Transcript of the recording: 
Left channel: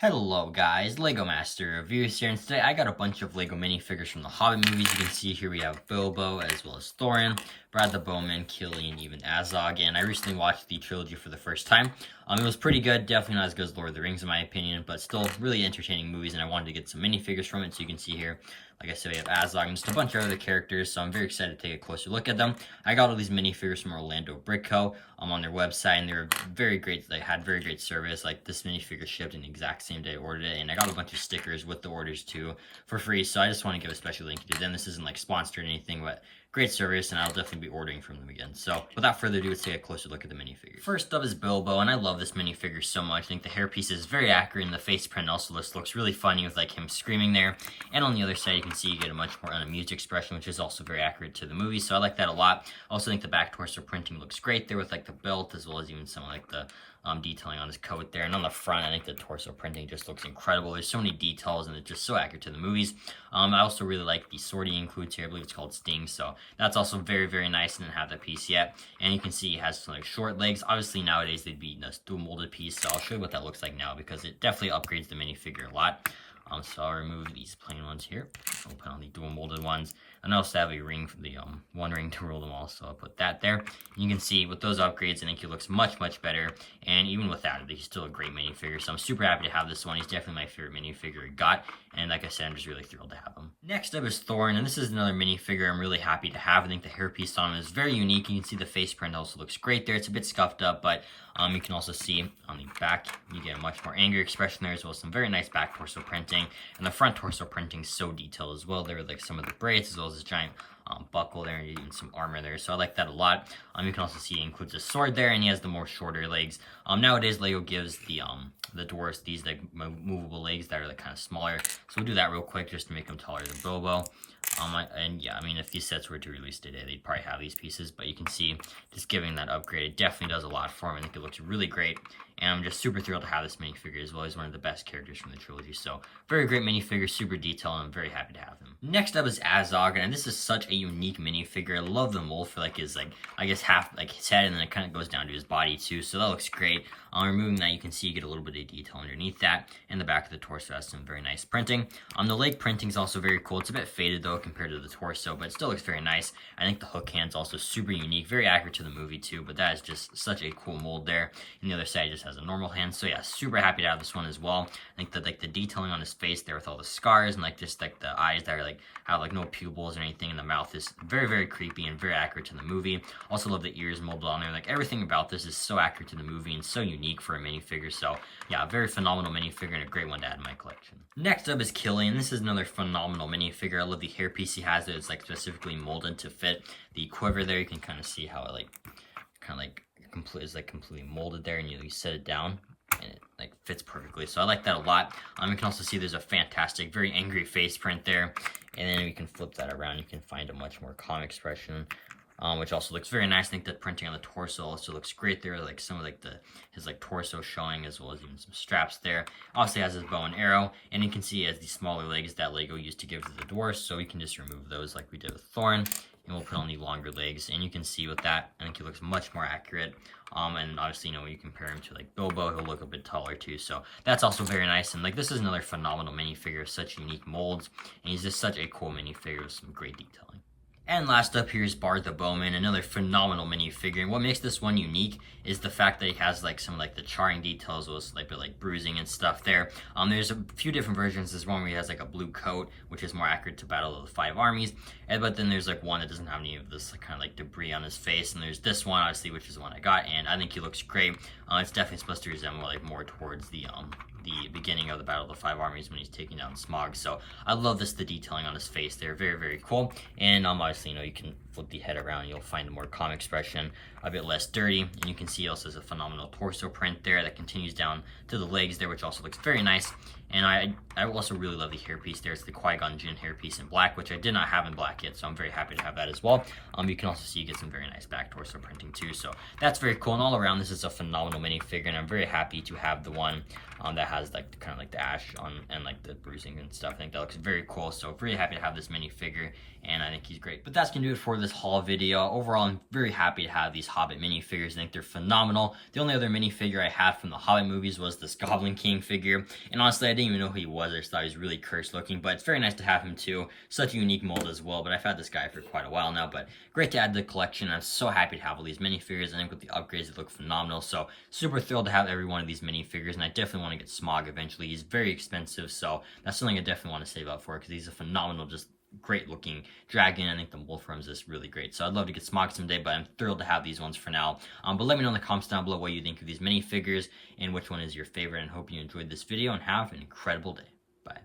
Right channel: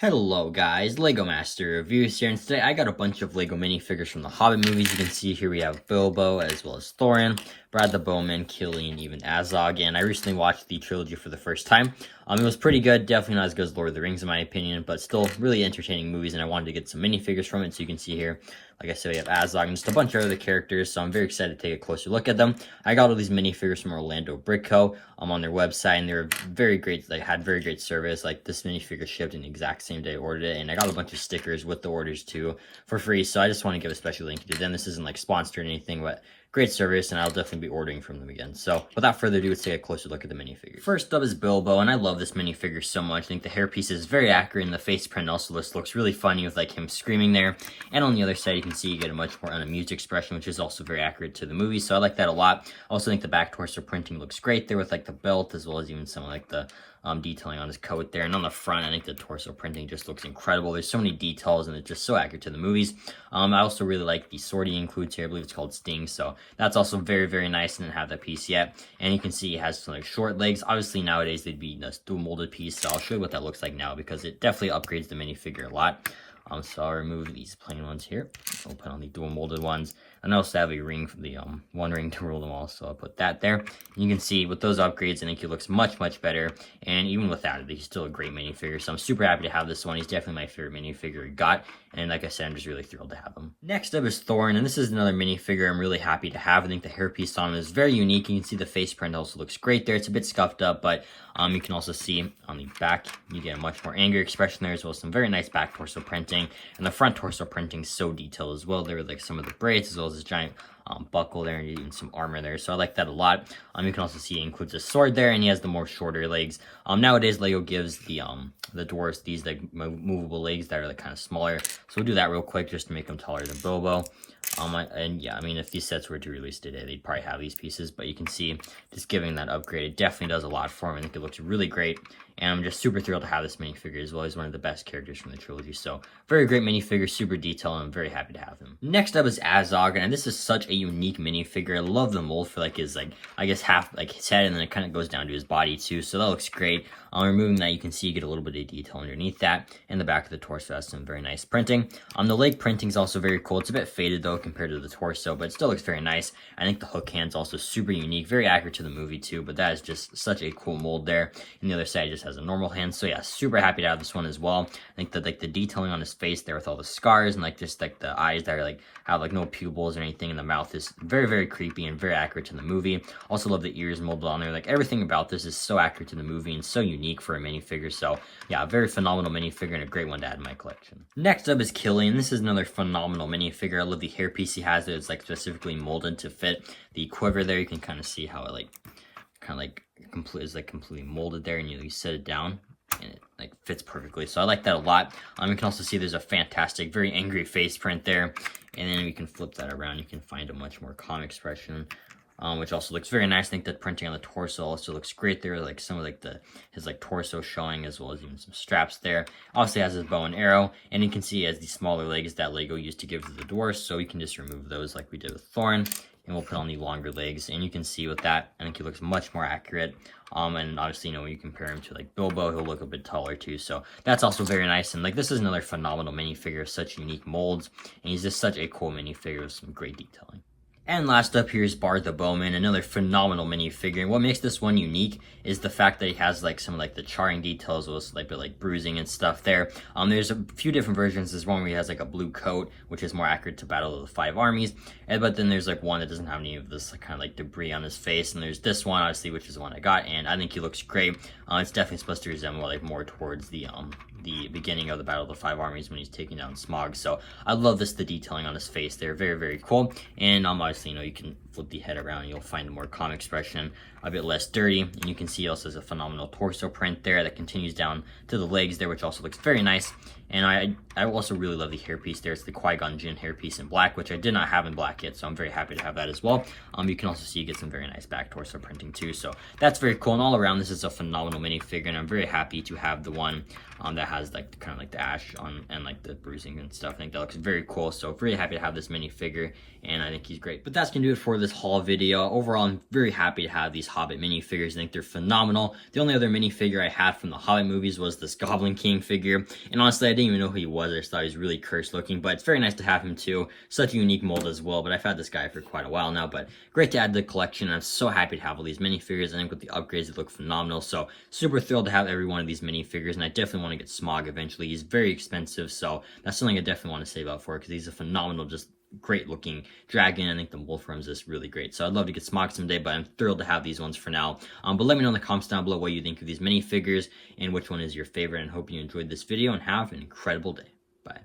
Hello guys, Lego Master Reviews here, and today I got a bunch of Lego minifigures from the Hobbit movies. You can see here we have Bilbo, as well as Thorin, Brad the Bowman, Killian, even Azog, and I recently watched the trilogy for the first time. It was pretty good, definitely not as good as Lord of the Rings in my opinion, but still really entertaining movies, and I wanted to get some minifigures from it, so you can see here, like I said, we have Azog and just a bunch of other characters, so I'm very excited to take a closer look at them. I got all these minifigures from Orlando Brick Co. On their website, and they were very great. They had very great service. Like, this minifigure shipped in the exact same day I ordered it, and I got a bunch of stickers with the orders too for free. So I just want to give a special thank you to them. This isn't like sponsored or anything, but great service, and I'll definitely be ordering from them again. So without further ado, let's take a closer look at the minifigures. First up is Bilbo, and I love this minifigure so much. I think the hairpiece is very accurate, and the face print also looks really funny with like him screaming there. And on the other side, you can see you get a much more unamused expression, which is also very accurate to the movie. So I like that a lot. I also think the back torso printing looks great there with like the belt, as well as even some like the detailing on his coat there. And on the front, I think the torso printing just looks incredible. There's so many details, and it's just so accurate to the movies. I also really like the sword he includes here. I believe it's called Sting, so that's also very nice. I didn't have that piece yet. And you can see it has some like short legs. Obviously nowadays they'd be a dual molded piece, so I'll show you what that looks like now, because it definitely upgrades the minifigure a lot. So I'll remove these plain ones here. I'll put on the dual molded ones. And I also have a ring for the one ring to rule them all, so I'll put that there. You can see with those upgrades, I think he looks much better. And even without it, he's still a great minifigure. So I'm super happy to have this one. He's definitely my favorite minifigure I got. And like I said, I'm just really thrilled to have him. Next up is Thorin, and this is another minifigure I'm really happy to have. I think the hairpiece on him is very unique. You can see the face print also looks great there. It's a bit scuffed up, but you can also see on the back, you get a much more angry expression there, as well as some very nice back torso printing. And the front torso printing is so detailed as well. There are like some of the braids, as well as this giant buckle there, and even some armor there. So I like that a lot. You can also see he includes a sword there, and he has the more shorter legs. Nowadays, Lego gives the dwarves these like movable legs that are like kind of smaller. So we'll do that real quick just to make them taller than Bilbo. And yeah, I mean, if these sets were to release today, they'd probably have these pieces, but you can see just giving that upgrade, it definitely does a lot for him. I think it looks really great, and I'm just super thrilled to have this minifigure as well. He's one of the best characters from the trilogy, so very great minifigure, super detailed, and I'm very happy to have him. Next up is Azog, and this is such a unique minifigure. I love the mold for like his, like, I guess half like his head, and then it kind of goes down to his body too, so that looks great. Removing that, you can see you get a little bit of detail underneath that, and the back of the torso has some very nice printing. The leg printing is also very cool. It's a bit faded though compared to the torso, but it still looks very nice. I think the hook hand's also super unique, very accurate to the movie too, but that is just such a cool mold there. And the other side just has a normal hand, so yeah, super happy to have this one as well. I think that like the detailing on his face there with all the scars, and like just like the eyes that are like have like no pupils or anything, and the mouth is very creepy and very accurate to the movie. Also love the ears molded on there. Like, everything about this is so accurate to the movie and so unique for a minifigure. So yeah, a very phenomenal minifigure and a great one to add in my collection. Next up is Killian. This is another phenomenal minifigure. I love the hairpiece he has. It's like specifically molded to fit the quiver there. You can kind of see how it like kind of like completely molded there, and you set it down and it like fits perfectly. So I like that a lot. You can also see there's a fantastic, very angry face print there, and then you can flip that around. You can find a much more calm expression, which also looks very nice. I think the printing on the torso also looks great there, like some of like his like torso showing, as well as even some straps there. Obviously has his bow and arrow, and you can see he has these smaller legs that Lego used to give to the dwarves, so you can just remove those like we did with Thorin, and we'll put on the longer legs. And you can see with that, I think he looks much more accurate. And obviously, you know, when you compare him to like Bilbo, he'll look a bit taller too, so that's also very nice. And like, this is another phenomenal minifigure, such unique molds, and he's just such a cool minifigure with some great detailing. And last up here is Brad the Bowman, another phenomenal minifigure. And what makes this one unique is the fact that he has like some like the charring details with like bruising and stuff there. There's a few different versions. There's one where he has like a blue coat, which is more accurate to Battle of the Five Armies. But then there's like one that doesn't have any of this like, kind of like debris on his face. And there's this one, obviously, which is the one I got, and I think he looks great. It's definitely supposed to resemble like more towards the beginning of the Battle of the Five Armies when he's taking down Smog. So I love the detailing on his face there, very cool. And obviously, you know, you can flip the head around and you'll find a more calm expression, a bit less dirty. And you can see also has a phenomenal torso print there that continues down to the legs there, which also looks very nice. And I also really love the hairpiece there. It's the Qui-Gon Jinn hairpiece in black, which I did not have in black yet, so I'm very happy to have that as well. You can also see you get some very nice back torso printing too, so that's very cool. And all around, this is a phenomenal minifigure, and I'm very happy to have the one that has like kind of like the ash on and like the bruising and stuff. I think that looks very cool. So really happy to have this minifigure, and I think he's great. But that's gonna do it for this haul video. Overall, I'm very happy to have these Hobbit minifigures. I think they're phenomenal. The only other minifigure I had from the Hobbit movies was this Goblin King figure, and honestly, I didn't even know who he was. I just thought he was really cursed looking, but it's very nice to have him too. Such a unique mold as well. But I've had this guy for quite a while now, but great to add to the collection. I'm so happy to have all these minifigures. I think with the upgrades, they look phenomenal. So super thrilled to have every one of these minifigures, and I definitely want to get Smog eventually. He's very expensive, so that's something I definitely want to save up for, because he's a phenomenal, just great looking dragon. I think the Wolfram is just really great, so I'd love to get Smog someday, but I'm thrilled to have these ones for now. But let me know in the comments down below what you think of these minifigures and which one is your favorite, and hope you enjoyed this video and have an incredible day. Bye.